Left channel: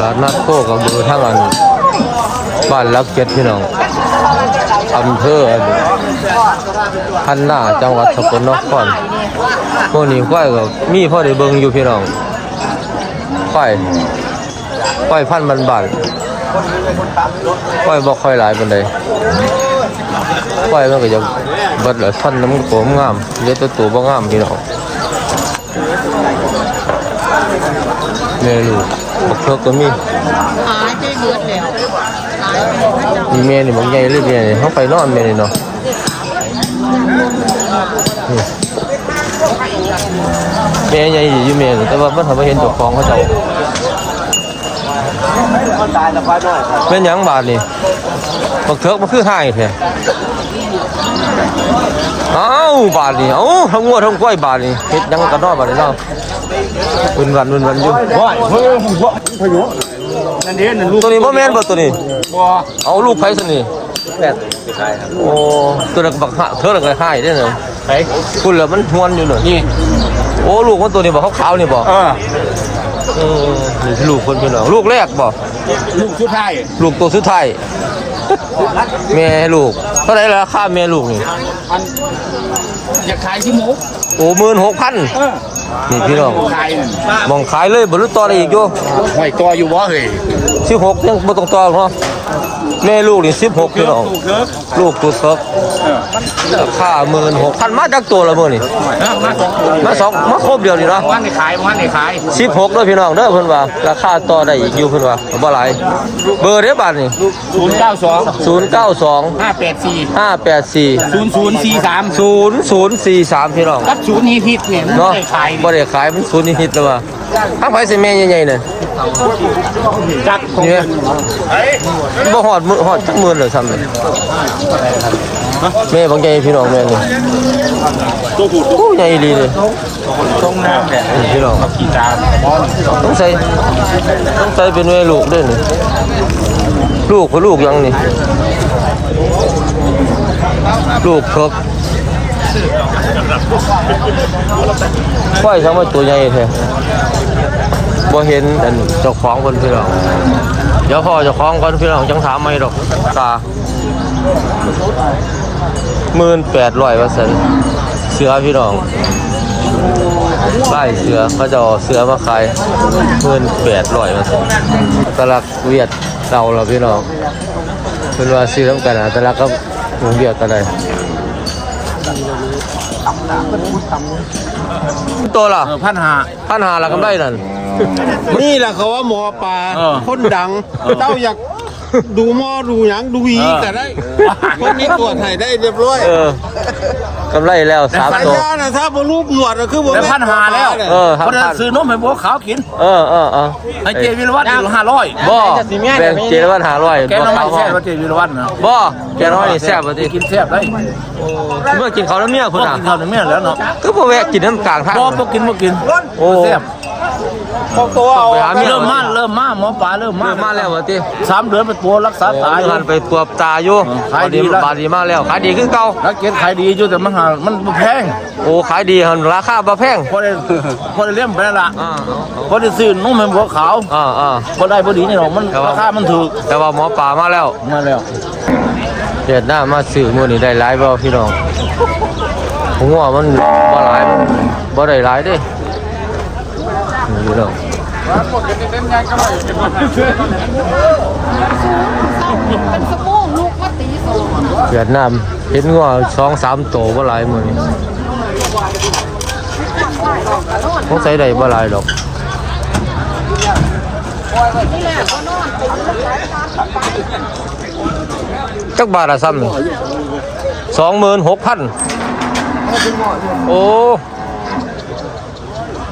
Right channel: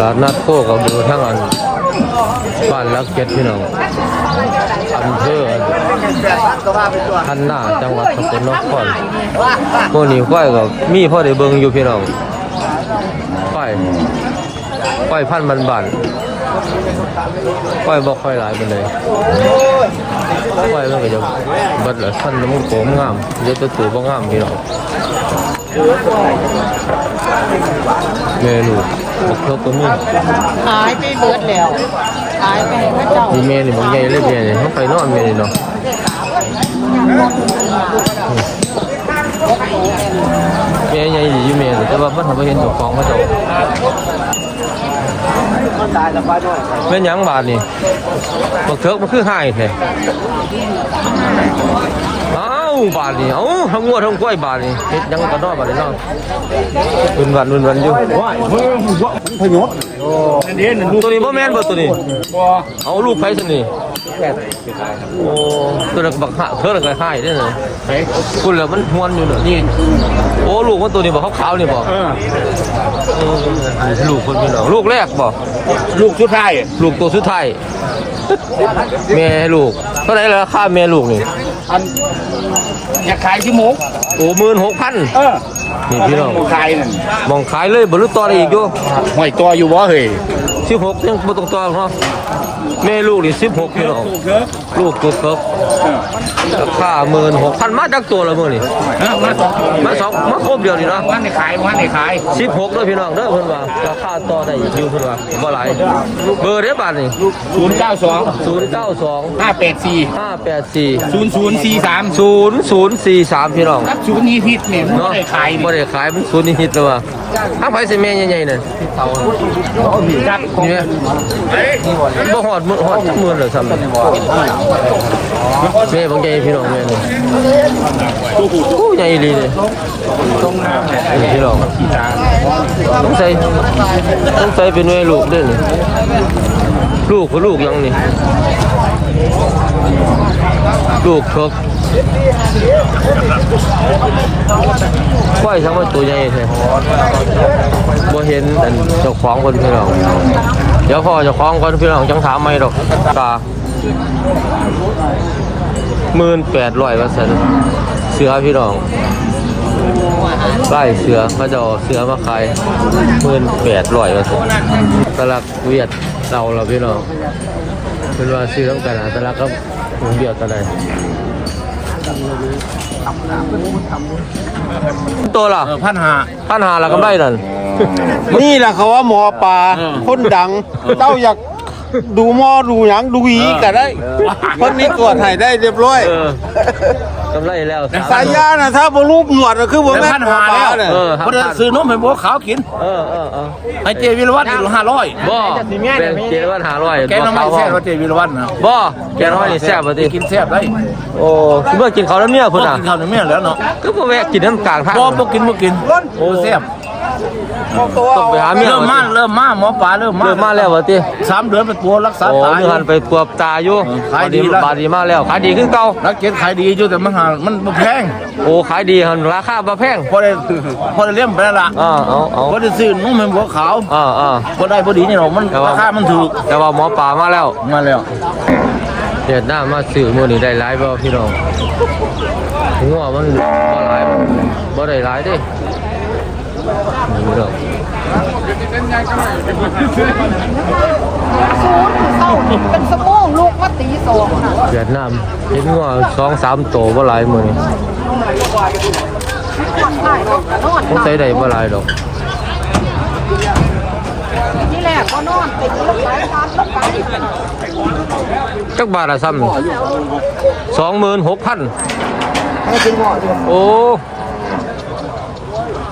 ลาดนัดโคกับดูทั้งอันบ้านลักเก็ตพี่น้องอำเภอพันนาจังหวัดสกลนครพวกนี้ควายก็มีพ่อได้เบิงอยู่พี่น้องควายควายพันธุ์บานๆควายบ่ค่อยหลายปานใดควายมันก็จะบิดละพันน้ำโขมงามเยอะตัวตัวบ่งามพี่น้องแม่ลูก บักเทิกก็มีหายไปหมดแล้วหายไปพระเจ้ามีแม่นี่บางใหญ่เลยแม่นี่เขาไปนอนแม่นี่เนาะนี่แม่ใหญ่อยู่แม่นี่แต่ว่ามันทำให้เห็นเจ้าของเขาเจ้าแม่นหยังบาทนี่บักเถิกมันคือหายแท้เอ้าบาทนี่เอ้าทั้งงัวทั้งกล้วยบาทนี่เฮ็ดหยังกันเนาะบาทนี่เนาะ วันวันวันวันอยู่ตัวนี้บ่แม่นบ่ตัวนี้เอาลูกไผ่สนี่โอ้ตัวนั้นบักหะเธอนั้นก็ให้ได้เนอะคุณแล้วมันหวนอยู่เนอะโอ้ลูกมันตัวนี้บอกขาวๆนี่บอกอ่าเออนี่สิลูกคนเป็นหรอลูกแรกบอกลูกชุดไทยลูกตัวสุดท้ายแม่ลูกเท่าไหรราคาแม่ลูกนี่อันอยากขายขี้หมูโอ้หมื่นหกพันเออ นี่พี่น้องขายนั่นมองขายเลยบรรลุต่อได้อีกอยู่ไม่ตัวอยู่บ่เฮ้ยสิบหกยังบ่ต้องต่อเนาะ แม่ลูกนี่สิบหกพี่น้องลูกเถอะลูกตัวเพิกเออราคาหมื่นหกพันมาจากตัวละมื่อนี่ฮะมาสองตัวมาสองมาครบเดียวนี่เนาะวันนี้ขายวันนี้ขายสิบหกเด้อพี่น้องเด้อเพิ่นว่าราคาต่อได้อีกอยู่เพิ่นว่าบ่หลายเบอร์เด้อบาทนี่ศูนย์เก้าสอง092ห้าแปดสี่584ศูนย์ศูนย์สี่สาม0043พี่น้องรับศูนย์นี้ทิศเนี่ยเนาะไม่ได้ขายบ่ได้ขายมันศูนย์นิดๆแล้วว่า ทางไผสิแม่ใหญ่ๆนั่นจับเนี่ยบ่ฮอดมื้อฮอดจักหมื่นเลยซ้ำนี่แม่บางใหญ่พี่น้องแม่นี่โอ้ใหญ่อีหลีเลยนี่พี่น้องต้องใส่ต้องใส่เป็นแม่ลูกเด้อนี่ลูกคือลูกยังนี่ลูกครบ ควายทั้งหมดตัวใหญ่แท้บ่เห็นอันเจ้าของคนพี่น้องเดี๋ยวพ่อเจ้าของคนพี่น้องจังถามไม่ดอกตาหมื่นแปดร้อยว่าสันเสือพี่น้องไล่เสือเขาจะเอเสือมาขายหมื่นแปดร้อยว่าสันตลักเวียดเราเราพี่น้องเป็นว่าซื้อน้ำกันนะตลักก็หงเบียดกันเลย ตัวล่ะเออพันหา พันหาละกำไรนั่นนี่แหละเขาว่าหมอปลาเออคนดังเจ้าอยากดูหมอดูหยังดูอีก็ได้คนนี้ตรวจให้ได้เรียบร้อย เออ กำไรแล้วสามสัญตัว ญานะถ้าบรูปหนวดก็คือบ่ได้แม่พันหาแล้วเออเพราะเดินซื้อนมให้บัวขาวกินเออเออเออให้เจวิรวัตรอีกห้าร้อยบ่แบ่งเจรวันหาร้อยแกน้ำไม่แซ่บว่าเจวิรวัตรนะบ่แกน้อยนี่แซ่บบ่ติกินแซ่บได้โอ้คือเมื่อกินข้าวแล้วเมียพพุ่นน่ะกินข้าวเหนียวเมี่ยแล้วเนาะคือบ่แวะกินน้ำกลางทาง บ่บ่กินบ่กินโอ้แซ่บ ต้องไปหาเมียเริ่มบ่มาติเริ่มมาหมอปลาเริ่มมาเริ่มมาแล้วบ่ติสามเดือนเป็นตัวรักษาโอ้ตายมีหันไปปวบตาอยู่เออขายดีบแล้วบาดดีมาแล้วขายดีคือเก่ารักเก็ตขายดีอยู่แต่มันหามันบ่แพงโอ้ขายดีหันราคาบ่แพงพอได้พอได้เลี้ยงไปนั่นล่ะอ่าเอาเอาพอได้ซื้อนมให้บัวขาวอ่าอ่าบ่ได้บ่ดีนี่หรอกมันแต่ว่าราคามันถูกแต่ว่าหมอป่ามาแล้วมาแล้วเฮ็ดหน้ามาซื้อมื้อนี้ได้หลายบ่พี่น้องผมว่ามันบ่หลายมันบ่ได้หลาย เด้นี่พี่น้องเป็นสมองลูกมาตีสองเวียดนามเห็นงัวสองสามโตบ่หลายมื้อนี้ผมใส่ได้บ่หลายดอกจักบาทละซ้ำหนี่งสองหมื่นหกพันโอ้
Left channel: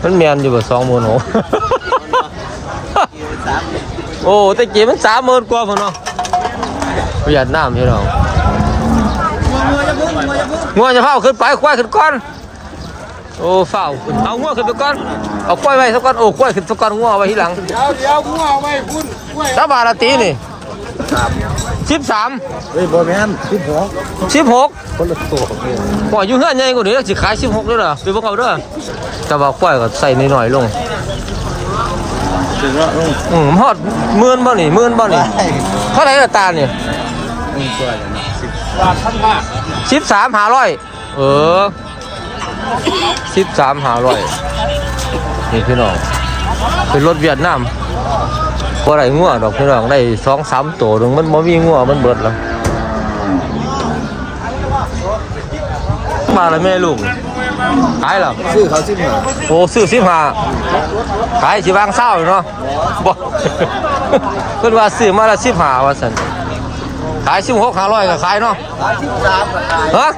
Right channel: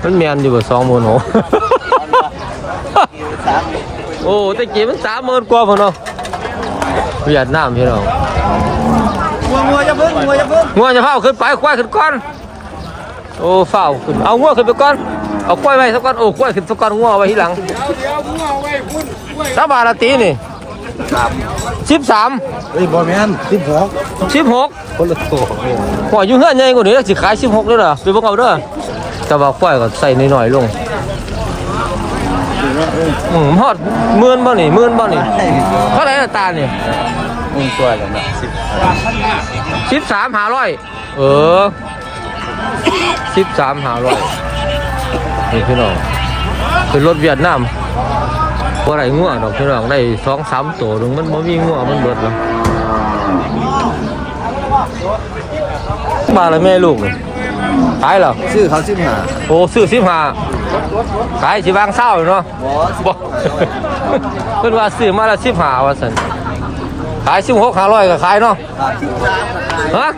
มันแมนอยู่บ่สองหมื่นหกโอ้แต่กี้มันสามหมื่นกว่าพุ่นเนาะเวียดนามพี่น้องงัวจะเฝ้าขึ้นไปควายขึ้นก่อนโอ้เฝ้าขึ้นเอางัวขึ้นไปก่อนเอาควายไว้สักก่อนโอ้ควายขึ้นสักก่อนงัวเอาไว้ทีหลังสาบาทละตีนี่สิบสามเฮ้ยบ่แม่นสิบหกสิบหกหัวอยู่เฮือนใหญ่กว่านี้แล้วสิขายสิบหกด้วยเหรอไปเบิ่งเอาเด้อ แต่ว่าควายก็ใส่น้อยๆลงอืมฮอดหมื่นบ่นี่หมื่นบ่นี่เท่าไหร่ละตาเนี่ยมึงตัวอย่างนี้สิบสิบสามหาร้อยเออสิบสามหาร้อยนี่พี่น้องเป็นรถเวียดนามพอไรงัวดอกพี่น้องได้สองสามตัวหนึงมันบ่มีงัวมันเบิดแล้วมาแล้วแม่ลูกนี่ ขายแล้วชื่อเขาสิบหาโอ้ซื้อสิบห้าขายสิบางเศร้าอยู่เนาะบ่เพิ่นว่าซื้อมาละสิบห้าว่าสันขายสิบหกห้าร้อยก็ขายเนาะสิบสามราคาฮะ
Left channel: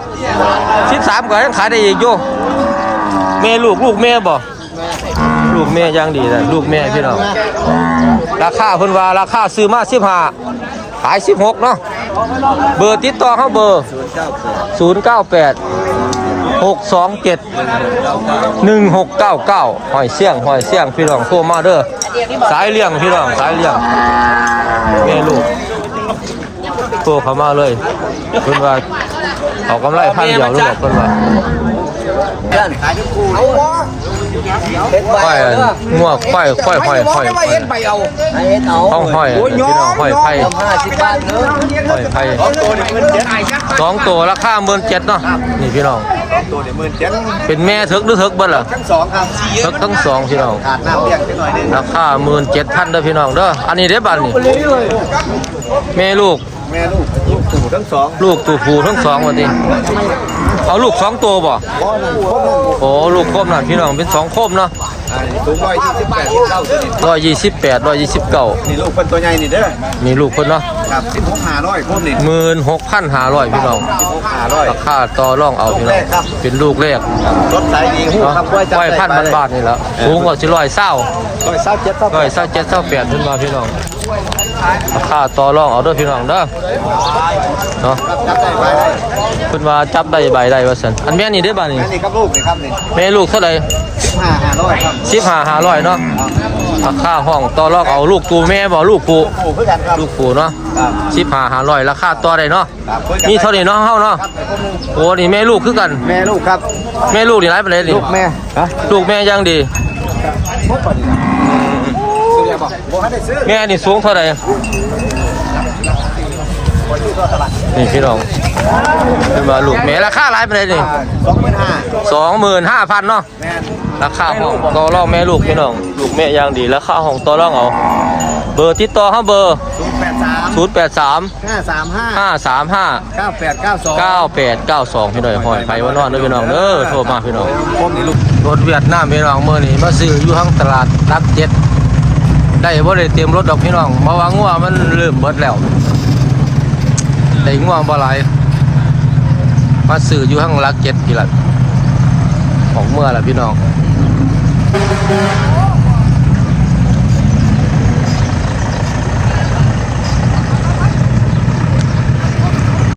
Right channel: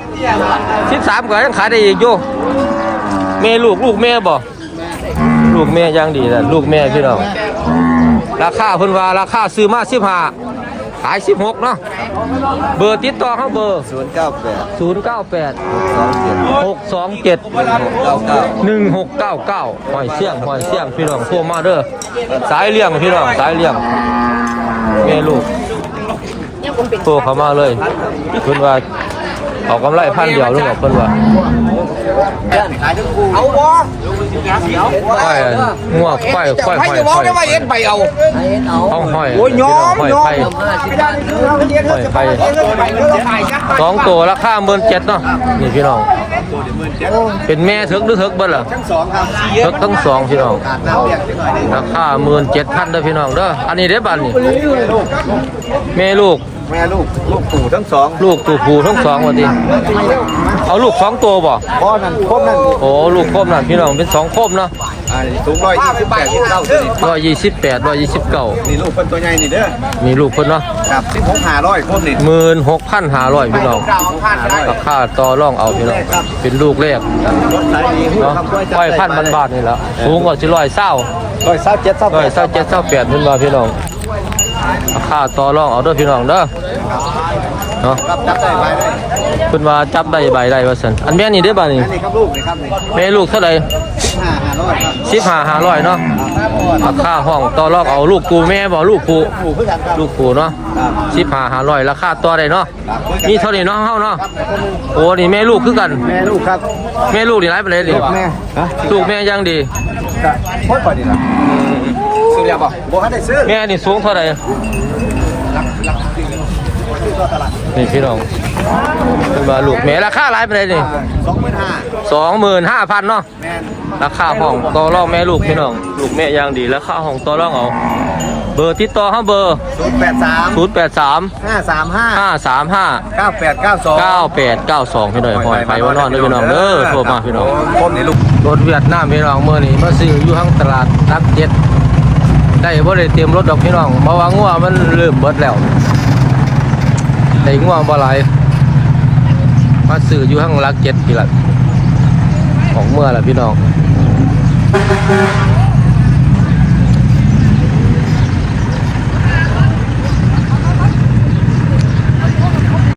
สิบสามก็ยังขายได้อีกอยู่แม่ลูกลูกแม่บ่ลูกแม่ยังดีนะลูกแม่พี่น้องราคาเพิ่นว่าราคาซื้อมาสิบห้า ขายสิบหกเนาะเบอร์ติดต่อเขาเบอร์ ศูนย์เก้าแปดศูนย์เก้าแปดสองเจ็ดหกสองเจ็ดหนึ่งหกเก้าเก้าหนึ่งหกเก้าเก้าหอยเสี่ยงหอยเสี่ยงพี่น้องโทรมาเด้อสายเลี้ยงพี่น้องสายเลี้ยงแม่ลูกโทรเข้ามาเลยเพิ่นว่าเอากำไรพันเดียวนึงออกเพิ่นว่า ขายทั้งคู่เลย ควายอันงัวควายควายหอยหอยหอยห้องหอยพี่น้องหอยไผ่หอยไผ่สองตัวราคาหมื่นเจ็ดเนาะนี่พี่น้องตัวเดียหมดเจ็ดเป็นแม่เถิกหรือเถิกบิ้ลล่ะทั้งสองครับเถิกทั้งสองพี่น้องราคาหมื่นเจ็ดพันเด้อพี่น้องเด้ออันนี้เด้บันนี่แม่ลูก แม่ลูกลูกปู่ทั้งสองลูกตัวผู้ทั้งสองวันนี้ทำไมล่ะเอาลูกสองตัวบ่พ่อนั่นครบนั่นโอ้ลูกโคมนั่นพี่น้องเป็นสองโคมเนาะอ่าสูงร้อยยี่สิบแปดยี่สิบเก้าตัวนี้ร้อยยี่สิบแปดร้อยยี่สิบเก้านี่ลูกคนตัวใหญ่นี่เด้อมีลูกคนเนาะครับสิบหกห้าร้อยครบนี่หมื่นหกพันห้าร้อยพี่น้องสิบหกห้าร้อยราคาต่อรองเอาพี่น้องเป็นลูกแรกรถสายดีเนาะไว้พันบาทนี่แหละสูงกว่าสิร้อยเศร้าร้อยเศร้าเจ็ดเศร้าร้อยเศร้าเจ็ดเศร้าแปดเพิ่นว่าพี่น้องราคาต่อรองเอาเด้อพี่น้องเด้อ เนาะครับจับได้ไปได้เพิ่นว่าจับได้ใบได้ว่าซั่นอันแม่นี่เด้อบ่านี่นี่ครับลูกนี่ครับนี่แม่ลูกเท่าไหร่สิบห้าห้าร้อยครับสิบห้าห้าร้อยเนาะราคาห้องต่อรองเอาลูกกูแม่บ่ลูกกูปู่เพื่อกันครับลูกกูเนาะครับสิบห้าห้าร้อยราคาต่อได้เนาะครับคุยกันมีเท่านี้เนาะเฮาเนาะครับไปคนหนึงโอ้นี่แม่ลูกคือกันแม่ลูกครับแม่ลูกนี่หลายปานใดนี่แม่ฮะลูกแม่ยังดีครับหมดพอดีนะซื้อแล้วบ่บ่ให้ได้ซื้อแม่นี่สูงเท่าไหร่ นี่พี่น้องเป็นว่าลูกแม่ราคาหลายปานใดนี่สองหมื่นห้าสองหมื่นห้าพันเนาะแม่นราคาห้องต่อรองแม่ลูกพี่น้องลูกแม่ยังดีราคาห้องต่อรองเอาเบอร์ติดต่อเฮาเบอร์ศูนย์แปดสามศูนย์แปดสามห้าสามห้าห้าสามห้าเก้าแปดเก้าสองเก้าแปดเก้าสองพี่น้องหอยไฟว่านอนเด้อพี่น้องเด้อโทรมาพี่น้องคมนี่ลูกรถเวียดนามพี่น้องเมื่อนี้มาซื้ออยู่ทั้งตลาดรักเจ็ดได้บ่ได้เตรียมรถดอกพี่น้องมาว่างัวมันเริ่มเบิดแล้ว แต่งัวบ่หลายมาสื่ออยู่ข้างลักเจ็ดกี่ละของเมื่อละพี่น้อง